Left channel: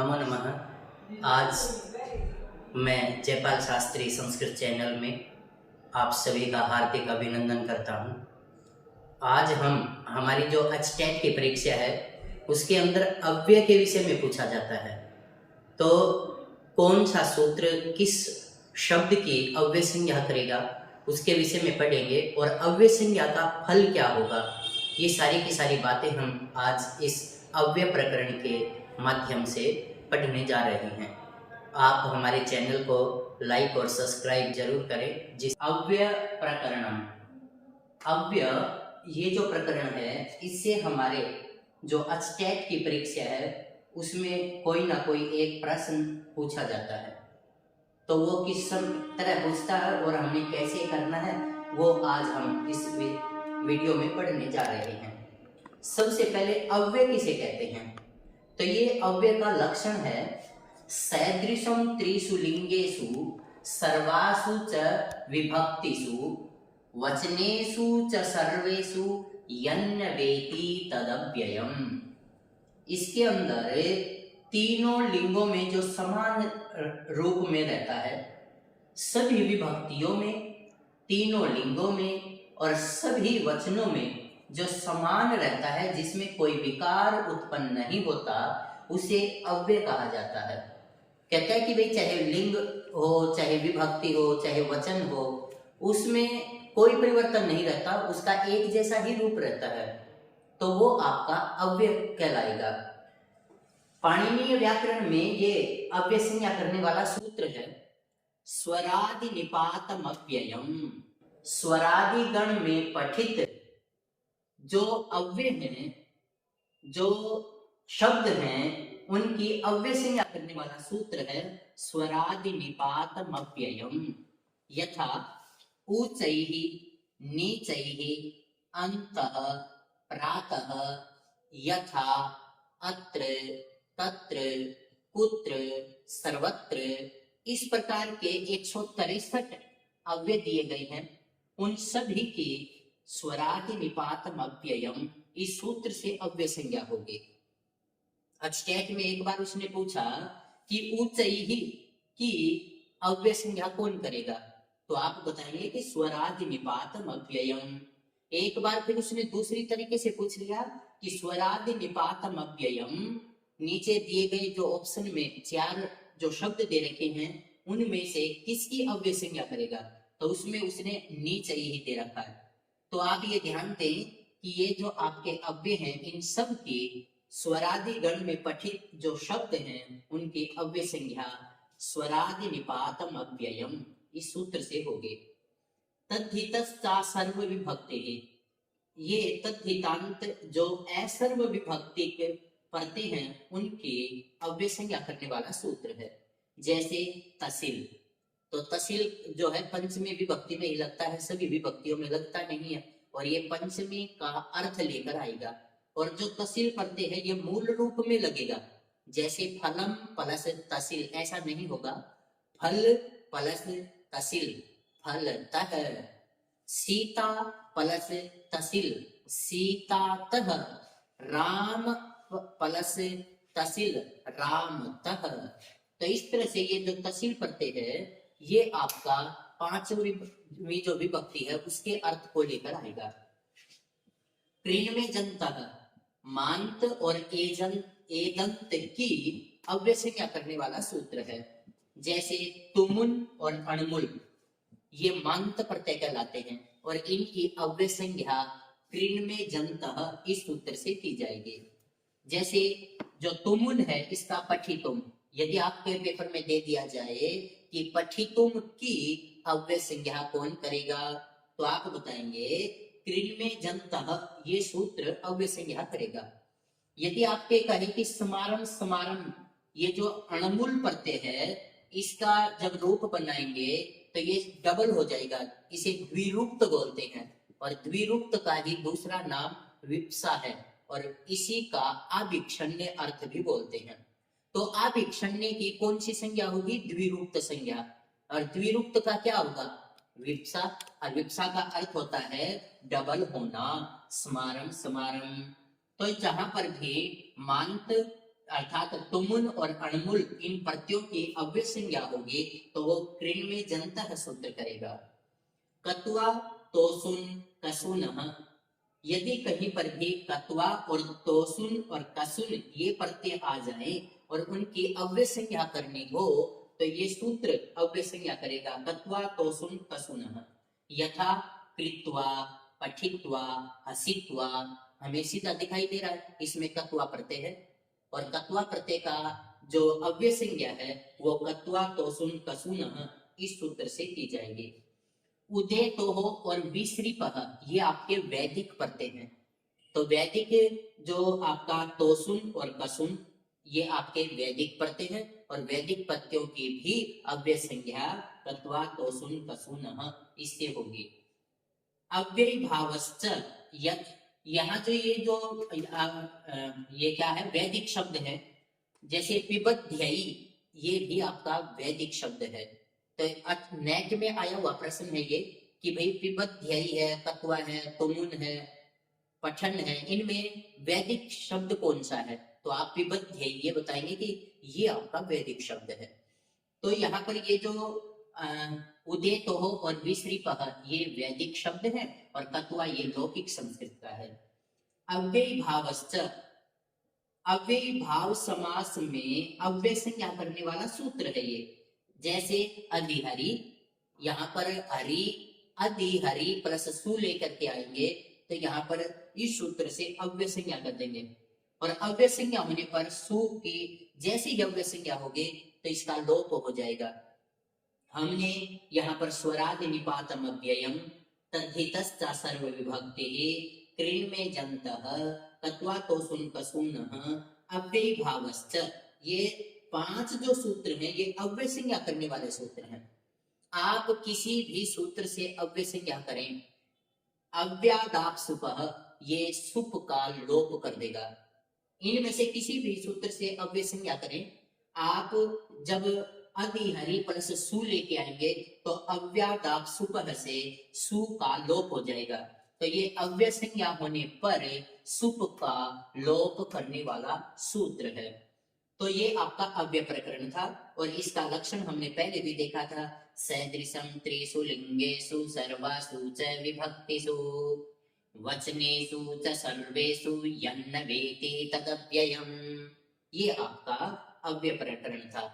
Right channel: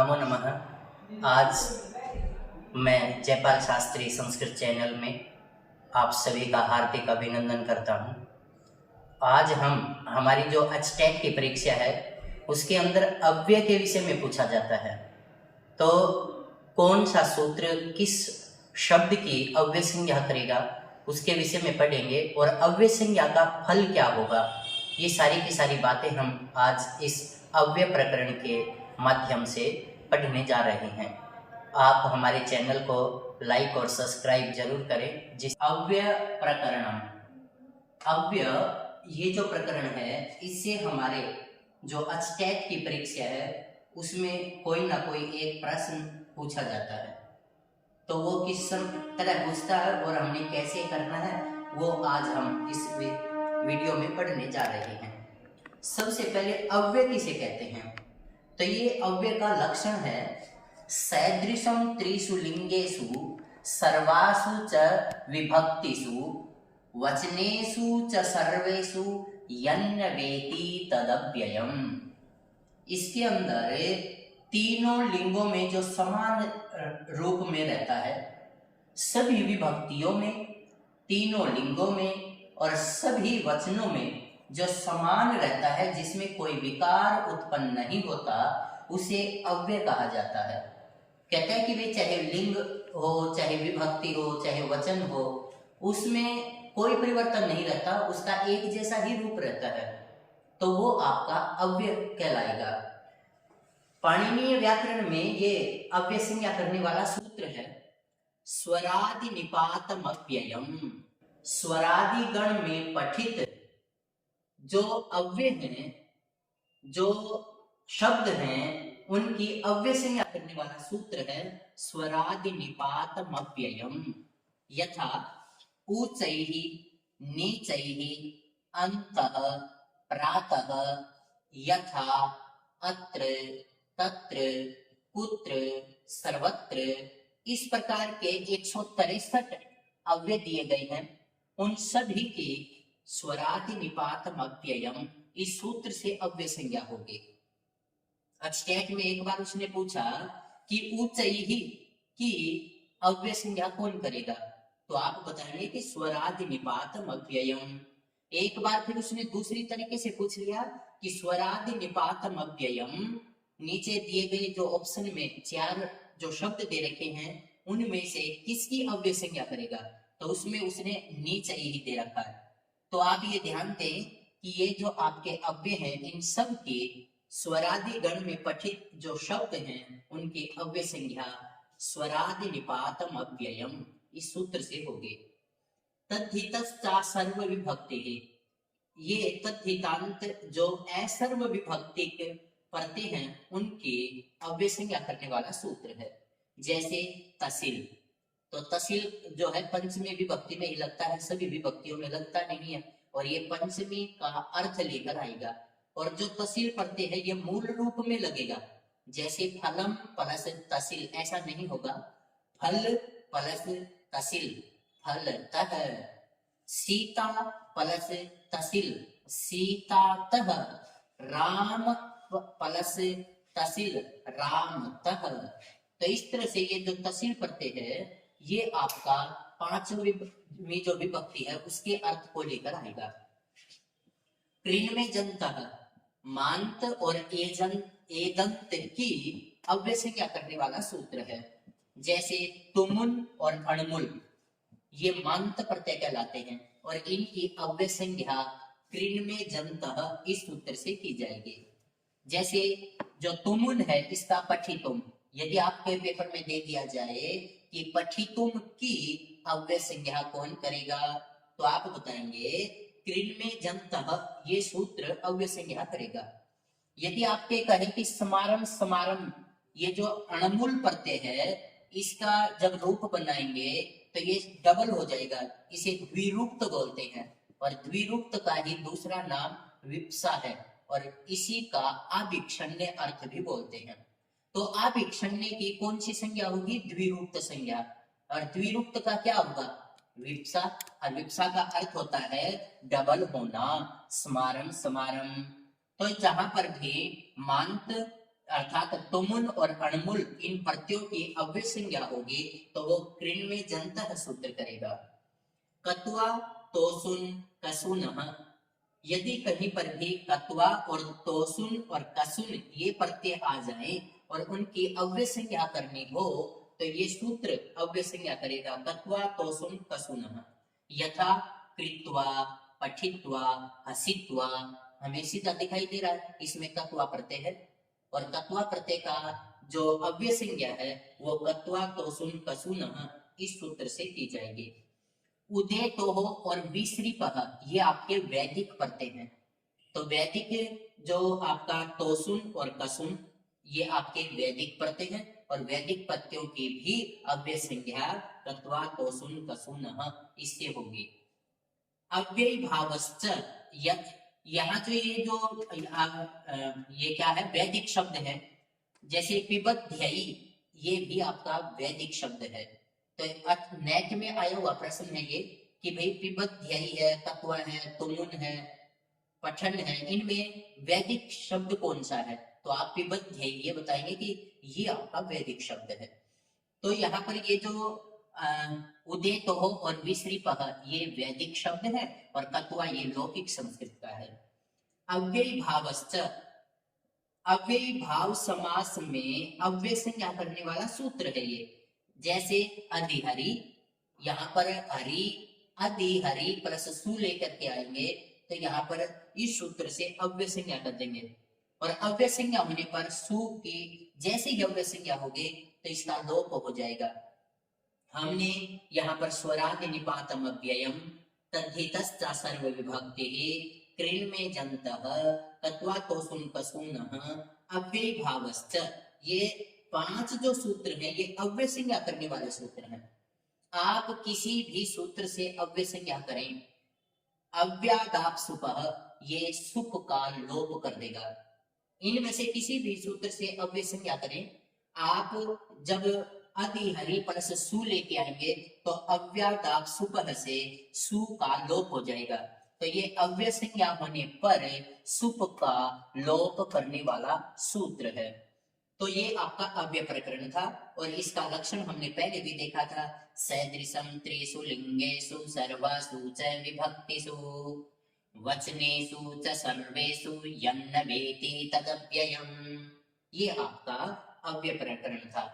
नमो नमः। आज मैं जयपाल शास्त्री संस्कृत चैनल में आप सभी का हार्दिक अभिनंदन करता हूं। आज हम हमारी जो एचटेट की परीक्षा है उसके अंदर अव्यय के विषय में पूछा जाता है। तो कौन सा सूत्र किस शब्द की अव्यय संज्ञा करेगा उसके विषय में पढ़ेंगे और अव्यय संज्ञा का फल क्या होगा, ये सारी की सारी बातें हम आज इस अव्यय प्रकरण के माध्यम से पढ़ने जा रहे हैं। आप हमारे चैनल को लाइक और सब्सक्राइब जरूर करें। जिस अव्यय प्रकरणम, अव्यय ये जो प्रकरण है इससे हमारे जो एचटेट की परीक्षा है उसमें कोई ना कोई एक प्रश्न पूछा जाता है। तो वो किस तरह पूछता है और हमें कैसे करना है वो आज हम इस वीडियो में पढ़ने जा रहे हैं। सबसे पहले अव्यय किसे कहते हैं? तो ये अव्यय का लक्षण है सैदृशम त्रिषु लिंगेषु सर्वासु च विभक्तिषु वचनेषु च सर्वेषु यन्नवेति तदव्ययम्। इसके अंदर तीनों लिंगों में जो समान रूप में रहता है, सभी विभक्तियों में, तीनों लिंगों में और सभी वचनों में जो समान रहता है, जिसमें कोई विकार उत्पन्न नहीं होता, उसे अव्यय कहा जाता है। कहता है कि भाई चाहे लिंग हो, चाहे विभक्ति हो, चाहे वचन हो, उसमें कोई परिवर्तन नहीं रहता, उसका एक जैसा ही रूप रहता है, तो वो आपका अव्यय कहलाएगा। पाणिनीय व्याकरण में ये अव्यय संज्ञा करने वाला सूत्र है स्वरादि निपातम अव्ययम। स्वरादि गण में पठित जो अव्यय हैं, जो शब्द हैं, उनकी अव्यय संज्ञा करने वाला सूत्र है स्वरादि निपातम अव्ययम। यथा ऊचैः नीचैः अन्तः प्रातः यथा अत्र तत्र कुत्र सर्वत्र। इस प्रकार के 163 अव्यय दिए गए हैं। उन सभी की स्वरादि निपातम अव्ययम इस सूत्र से अव्यय संज्ञा होगी। एचटेट में एक बार उसने पूछा कि ऊंचाई की अव्यय संज्ञा कौन करेगा, तो आप बताएंगे कि स्वरादि निपातम अव्ययम। एक बार फिर उसने दूसरी तरीके से पूछ लिया कि स्वरादि निपातम अव्ययम, नीचे दिए गए जो ऑप्शन में 4 जो शब्द दे रखे हैं उनमें से किसकी अव्यय संज्ञा करेगा, तो उसमें उसने नीचे ही दे रखा है। तो आप ये ध्यान दें कि ये जो आपके अव्यय हैं, इन सब की स्वरादि गण में पठित जो शब्द हैं उनकी अव्यय संज्ञा स्वरादि निपातम अव्ययम इस सूत्र से होगी। तद्धितस्ता सर्व विभक्ति है, ये तद्धितांत जो असर्व विभक्ति के पढ़ते हैं उनकी अव्यय संज्ञा करने वाला सूत्र है। जैसे तहसील, तो तहसील जो है पंचमी विभक्ति में ही लगता है, सभी विभक्तियों में लगता नहीं है, और ये पंचमी का अर्थ लेकर आएगा। और जो तहसील पढ़ते हैं ये मूल रूप में लगेगा। जैसे फलम प्लस तहसील, ऐसा नहीं होगा फल प्लस तहसील फलतः, सीता प्लस तहसील सीतातः, राम प्लस तहसील रामतः। तो इस तरह से ये जो तहसील पढ़ते हैं ये आपका पांचवी जो विभक्ति है उसके अर्थ को लेकर आएगा। क्रीन में जनतः, मांत और एदंत की अव्यय संज्ञा करने वाला सूत्र है। जैसे तुमुन और अणमुल ये मांत प्रत्यय कहलाते हैं और इनकी अव्यय संज्ञा क्रीन में जनतः इस सूत्र से की जाएगी। जैसे जो तुमुन है इसका पठितुम, यदि आपके पेपर में दे दिया जाए कि पठितुम की अव्यय संज्ञा कौन करेगा, तो आप बताएंगे क्रीन में जनतः ये सूत्र अव्यय संज्ञा करेगा। यदि आपके कहे कि समारम समारम, ये जो अणमुल प्रत्यय है इसका जब रूप बनाएंगे तो ये डबल हो जाएगा, इसे द्विरूक्त बोलते हैं, और द्विरूक्त का ही दूसरा नाम विप्सा है, और इसी का आभिक्षण्य अर्थ भी बोलते हैं। तो आभिक्षण्य की कौन सी संज्ञा होगी? द्विरूक्त संज्ञा। और द्विरूक्त का क्या होगा? विप्सा। और विप्सा का अर्थ होता है डबल होना, स्मारम समारम। तो जहां पर भी मांत अर्थात तुमुन और अणमुल इन प्रत्ययों की अव्यय संज्ञा होगी तो वो कृण में जंतः सूत्र करेगा। कत्वा तोसुन कसुनः, यदि कहीं पर भी कत्वा और तोसुन और कसुन ये प्रत्यय आ जाए और उनकी अव्यय संज्ञा करनी हो तो ये सूत्र अव्यय संज्ञा करेगा। कत्वा तोसुन कसुनः, यथा कृत्वा, पठित्वा, हसित्वा, हमें सीधा दिखाई दे रहा है, इसमें कत्वा प्रत्यय है और कत्वा प्रत्यय का जो अव्यय संज्ञा है वो कत्वा तोसुन कसुनः इस सूत्र से की जाएगी। उदय तो हो और विसृपः ये आपके वैदिक प्रत्यय हैं। तो वैदिक जो आपका तोसुन और कसुन ये आपके वैदिक प्रत्यय हैं और वैदिक प्रत्ययों की भी अव्यय संज्ञा कत्वा तोसुन कसुनः इससे होगी। अव्यय भावश्च यत्, यहाँ जो ये क्या है वैदिक शब्द है, जैसे पिबध्यई ये भी आपका वैदिक शब्द है। तो नेट में आया हुआ प्रश्न है ये कि भाई पिबध्यई है, कत्वा है, तुमुन है, पठन है, इनमें वैदिक शब्द कौन सा है? तो आप पिबध्यई ये बताएंगे कि ये आपका वैदिक शब्द है। तो यहाँ पर ये जो उदय तो हो और विसृपः ये वैदिक शब्द है और कत्वा ये लौकिक संस्कृत का है। अव्यय भावश्च, अव्यय भाव समास में अव्यय संज्ञा करने वाला सूत्र है ये। जैसे अधिहरि, यहाँ पर हरि अधिहरि प्लस सु लेकर के आएंगे तो यहाँ पर इस सूत्र से अव्यय संज्ञा कर देंगे और अव्यय संज्ञा होने पर सु की जैसे ही अव्यय संज्ञा होगी तो इसका लोप हो जाएगा। हमने यहाँ पर स्वरादि निपातम अव्ययम तद्धितश्च सर्व विभक्ति कृण में जन्तः कत्वा तोसुन कसुनः अव्यय भावश्च, ये 5 जो सूत्र हैं ये अव्यय संज्ञा करने वाले सूत्र हैं। आप किसी भी सूत्र से अव्यय संज्ञा करें, अव्यादाप सुपः ये सुप का लोप कर देगा। इनमें से किसी भी सूत्र से अव्यय संज्ञा करें, आप जब अधिहरि प्लस सु लेके आएंगे तो अव्यादाप सुपः से सु का लोप हो जाएगा। तो ये अव्यय संज्ञा होने पर सुप का लोप करने वाला सूत्र है। तो ये आपका अव्यय प्रकरण था और इसका लक्षण हमने पहले भी देखा था। सदृशं त्रिषु लिंगेषु सर्वासु च विभक्तिषु वचनेषु च सर्वेषु यन्न वेति तदव्ययम्, ये आपका अव्यय प्रकरण था।